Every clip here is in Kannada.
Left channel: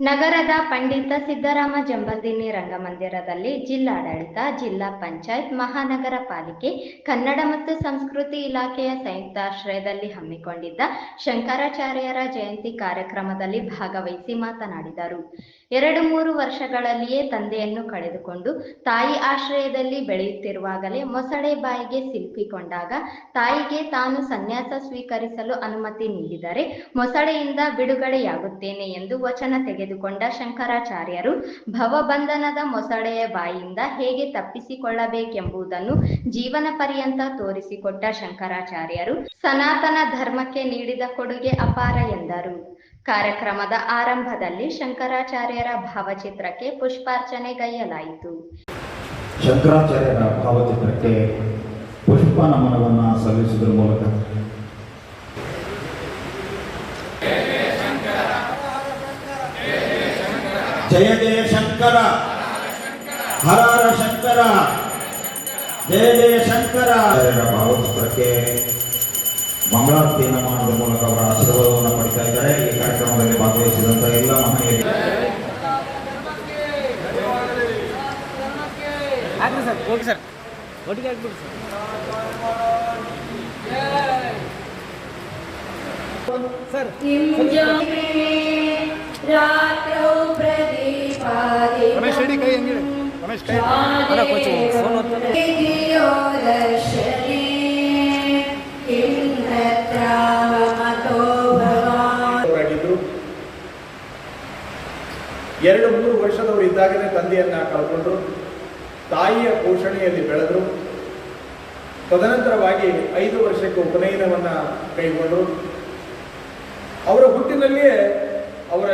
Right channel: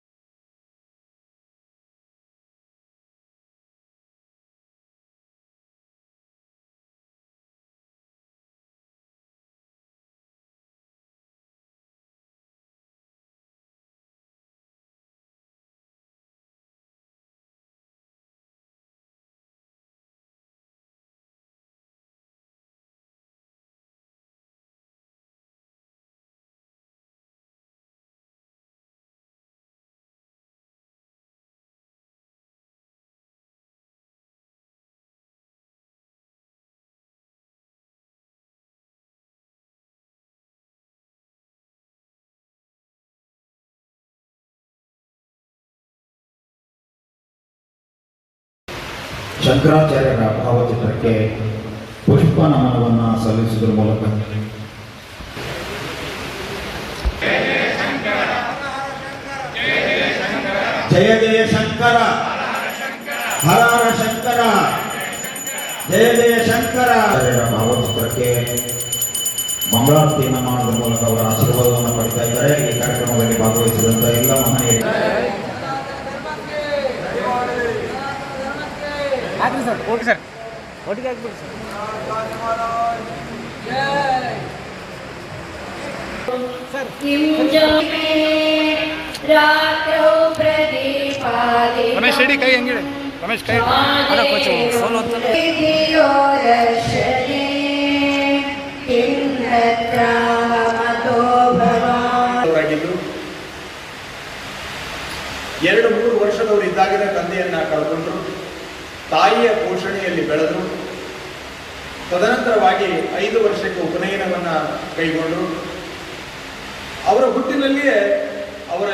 ನಗರದ ಪಂಡಿತ ಸಿದ್ದರಾಮ ಜಂಬಲ್ದಿನ್ನಿ ರಂಗಮಂದಿರದಲ್ಲಿ ಜಿಲ್ಲಾಡಳಿತ, ಜಿಲ್ಲಾ ಪಂಚಾಯತ್, ಮಹಾನಗರ ಪಾಲಿಕೆ, ಕನ್ನಡ ಮತ್ತು ಸಂಸ್ಕೃತಿ ಇಲಾಖೆಯ ಸಂಯುಕ್ತಾಶ್ರಯದಲ್ಲಿ ಹಮ್ಮಿಕೊಂಡಿದ್ದ ಶಂಕರಾಚಾರ್ಯರ ಜಯಂತಿ ಕಾರ್ಯಕ್ರಮದಲ್ಲಿ ಭಾಗವಹಿಸಿ ಮಾತನಾಡಿದರು. 2-3 ವರ್ಷಗಳಲ್ಲಿಯೇ ತಂದೆಯನ್ನು ಕಳೆದುಕೊಂಡು ತಾಯಿ ಆಶ್ರಯದಲ್ಲಿ ಬೆಳೆಯುತ್ತಿರುವಾಗಲೇ ಮೊಸಳೆ ಬಾಯಿಗೆ ಸಿಲುಕಿಕೊಂಡಾಗ ತಾಯಿಗೆ ತಾನು ಸನ್ಯಾಸ ಸ್ವೀಕರಿಸಲು ಅನುಮತಿ ನೀಡಿದರೆ ಮೊಸಳೆಯಿಂದ ಬಿಡುಗಡೆಯಾಗುತ್ತೇನೆ ಎಂದು ವಚನ ತೆಗೆದುಕೊಂಡ ಶಂಕರಾಚಾರ್ಯರು ಭವಬಂಧನದ ಮೊಸಳೆಯ ಬಾಯಿಯಿಂದ ಹೇಗೆ ತಪ್ಪಿಸಿಕೊಳ್ಳಬೇಕೆಂಬುದನ್ನು ಜೀವನ ಪರ್ಯಂತ ತೋರಿಸಿಕೊಟ್ಟ ಶಂಕರಾಚಾರ್ಯರು ಸನಾತನ ಧರ್ಮಕ್ಕೆ ನೀಡಿದ ಕೊಡುಗೆ ಅಪಾರ ಎಂದರು. ಕಾರ್ಯಕ್ರಮದ ಆರಂಭದಲ್ಲಿ ಶಂಕರಾಚಾರ್ಯರ ಭಾವಚಿತ್ರಕ್ಕೆ ಪುಷ್ಪಾರ್ಚನೆಗೈಯಲಾಯಿತು. ಶಂಕರಾಚಾರ್ಯರ ಭಾವಚಿತ್ರಕ್ಕೆ ಪುಷ್ಪ ನಮನವನ್ನು ಸಲ್ಲಿಸುವುದರ ಮೂಲಕ ಜಯ ಜಯ ಶಂಕರ, ಹರ ಹರ ಶಂಕರ, ಜಯ ಜಯ ಶಂಕರ ಭಾವಚಿತ್ರಕ್ಕೆ ಮಂಗಳಾರತಿ ನಮನದ ಮೂಲಕ ಅವರ ಆಶೀರ್ವಾದವನ್ನು ಪಡಿತಾ ಇದ್ದಾರೆ. ಈ ಕಾರ್ಯಕ್ರಮದಲ್ಲಿ ಭಾಗವಹಿಸಿದಂತ ಎಲ್ಲ ಮಹನೀಯರು ರಮೇಶ್ ರೆಡ್ಡಿ ಕೈ ಹೆಂಗಿದೆ? ರಮೇಶ್ ಕೈ ಅಲ್ಲ ಕೋಚು ಫೋನ್ ಅಂತ ಎರಡು 3 ವರ್ಷದವರು ಇದ್ದಾಗಲೇ ತಂದೆಯನ್ನ ಕಳ್ಕೊಂಡ್ರು. ತಾಯಿಯ ಪೋಷಣೆಯಲ್ಲಿ ಬೆಳೆದರು. ತದನಂತರವಾಗಿ 5 ವರ್ಷಕ್ಕೆ ಉಪನಯನವನ್ನ ಕೈಗೊಂಡರು. ಅವರ ಹುಟ್ಟಿನಲ್ಲಿಯೇ ಅವರ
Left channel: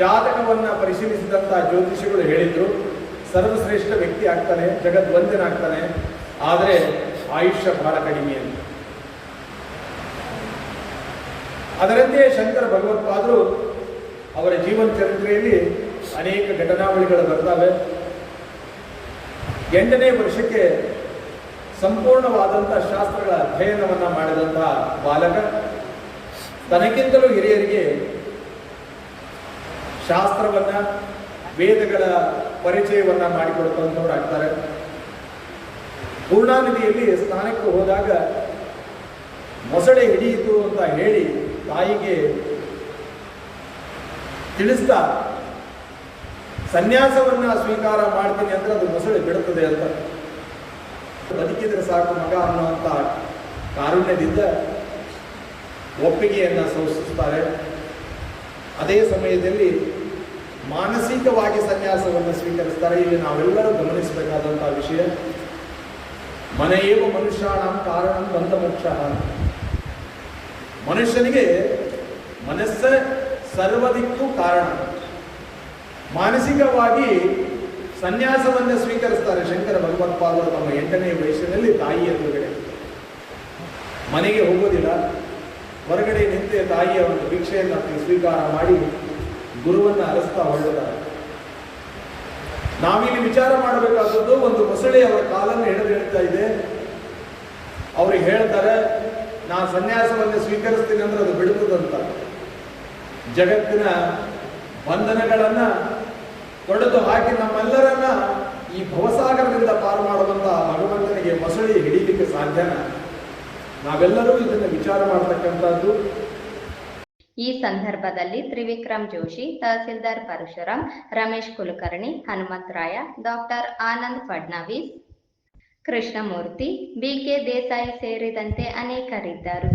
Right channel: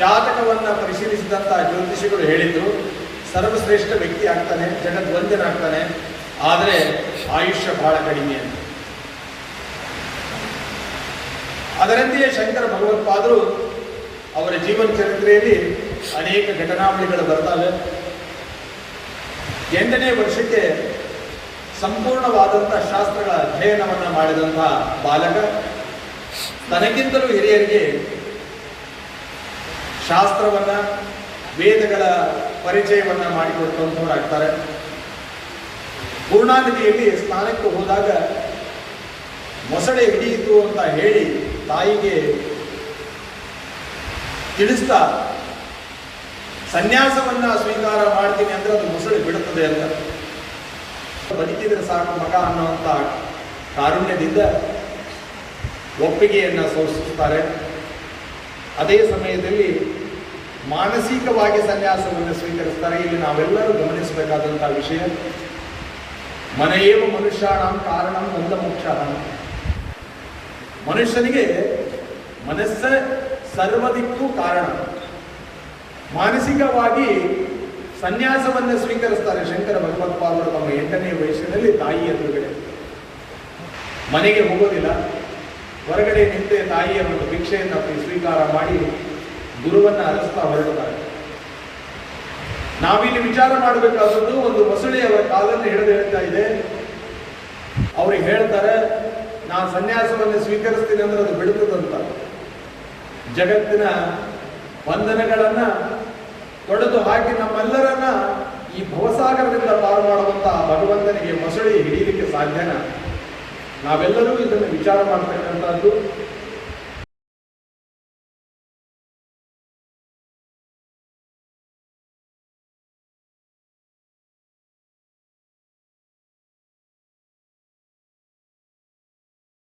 ಜಾತಕವನ್ನು ಪರಿಶೀಲಿಸಿದಂತಹ ಜ್ಯೋತಿಷಿಗಳು ಹೇಳಿದ್ರು, ಸರ್ವಶ್ರೇಷ್ಠ ವ್ಯಕ್ತಿ ಆಗ್ತಾನೆ, ಜಗದ್ವಂದ್ಯನಾಗ್ತಾನೆ, ಆದರೆ ಆಯುಷ್ಯ ಬಹಳ ಕಡಿಮೆ ಅಂತ. ಅದರಂತೆಯೇ ಶಂಕರ ಭಗವತ್ಪಾದರು ಅವರ ಜೀವನ ಚರಿತ್ರೆಯಲ್ಲಿ ಅನೇಕ ಘಟನಾವಳಿಗಳು ಬರ್ತವೆ. 8ನೇ ವರ್ಷಕ್ಕೆ ಸಂಪೂರ್ಣವಾದಂಥ ಶಾಸ್ತ್ರಗಳ ಅಧ್ಯಯನವನ್ನು ಮಾಡಿದಂತಹ ಬಾಲಕ ತನಗಿಂತಲೂ ಹಿರಿಯರಿಗೆ ಶಾಸ್ತ್ರವನ್ನ, ವೇದಗಳ ಪರಿಚಯವನ್ನ ಮಾಡಿಕೊಡುವಂಥವರಾಗ್ತಾರೆ. ಪೂರ್ಣಾನದಿಯಲ್ಲಿ ಸ್ನಾನಕ್ಕೆ ಹೋದಾಗ ಮೊಸಳೆ ಹಿಡಿಯಿತು ಅಂತ ಹೇಳಿ ತಾಯಿಗೆ ತಿಳಿಸ್ತಾ ಸನ್ಯಾಸವನ್ನ ಸ್ವೀಕಾರ ಮಾಡ್ತೀನಿ ಅಂದ್ರೆ ಅದು ಮೊಸಳೆ ಬಿಡುತ್ತದೆ ಅಂತ. ಬದುಕಿದ್ರೆ ಸಾಕು ಮಗ ಅನ್ನುವಂಥ ಕಾರುಣ್ಯದಿಂದ ಒಪ್ಪಿಗೆಯನ್ನು ಸೂಚಿಸುತ್ತಾರೆ. ಅದೇ ಸಮಯದಲ್ಲಿ ಮಾನಸಿಕವಾಗಿ ಸನ್ಯಾಸವನ್ನು ಸ್ವೀಕರಿಸ್ತಾರೆ. ಇಲ್ಲಿ ನಾವೆಲ್ಲರೂ ಗಮನಿಸಬೇಕಾದಂಥ ವಿಷಯ, ಮನೆಯೇವ ಮನುಷ್ಯಾಣಂ ಕಾರಣಂ ಬಂಧ ಮೋಕ್ಷ. ಮನುಷ್ಯನಿಗೆ ಮನಸ್ಸ ಸರ್ವದಿಕ್ಕೂ ಕಾರಣ. ಮಾನಸಿಕವಾಗಿ ಸನ್ಯಾಸವನ್ನು ಸ್ವೀಕರಿಸ್ತಾರೆ ಶಂಕರ ಭಗವತ್ಪಾದರು ತಮ್ಮ 8ನೇ ವಯಸ್ಸಿನಲ್ಲಿ ತಾಯಿಯ ಎದುರುಗಡೆ. ಮನೆಗೆ ಹೋಗೋದಿಲ್ಲ, ಹೊರಗಡೆ ನಿಂತೆ ತಾಯಿಯ ಒಂದು ಭಿಕ್ಷೆಯನ್ನು ಸ್ವೀಕಾರ ಮಾಡಿ ಗುರುವನ್ನು ಅರಸ್ತಾ ಹೊರಡುತ್ತಾರೆ. ನಾವಿಲ್ಲಿ ವಿಚಾರ ಮಾಡಬೇಕಾದದ್ದು, ಒಂದು ಮೊಸಳೆ ಅವರ ಕಾಲನ್ನು ಹಿಡಿದಿಡ್ತಾ ಇದೆ. ಅವ್ರಿಗೆ ಹೇಳ್ತಾರೆ, ನಾನು ಸನ್ಯಾಸವನ್ನು ಸ್ವೀಕರಿಸ್ತೀನಿ ಅಂದ್ರೆ ಅದು ಬಿಡುತ್ತದಂತ. ಜಗತ್ತಿನ ಬಂಧನಗಳನ್ನ ತೊಡೆದು ಹಾಕಿ ನಮ್ಮೆಲ್ಲರನ್ನ ಈ ಭವಸಾಗರದಿಂದ ಪಾರು ಮಾಡುವಂತಹ ಭಗವಂತನಿಗೆ ಮೊಸಳೆ ಹಿಡಿಯಲಿಕ್ಕೆ ಸಾಧ್ಯನ? ನಾವೆಲ್ಲರೂ ಇದನ್ನು ವಿಚಾರ ಮಾಡತಕ್ಕಂಥದ್ದು. ಈ ಸಂದರ್ಭದಲ್ಲಿ ತ್ರಿವಿಕ್ರಮ್ ಜೋಶಿ, ತಹಸೀಲ್ದಾರ್ ಪರಶುರಾಮ್, ರಮೇಶ್ ಕುಲಕರ್ಣಿ, ಹನುಮಂತರಾಯ, ಡಾಕ್ಟರ್ ಆನಂದ್ ಫಡ್ನವೀಸ್, ಕೃಷ್ಣಮೂರ್ತಿ, ಬಿಕೆ ದೇಸಾಯಿ ಸೇರಿದಂತೆ ಅನೇಕರಿದ್ದರು.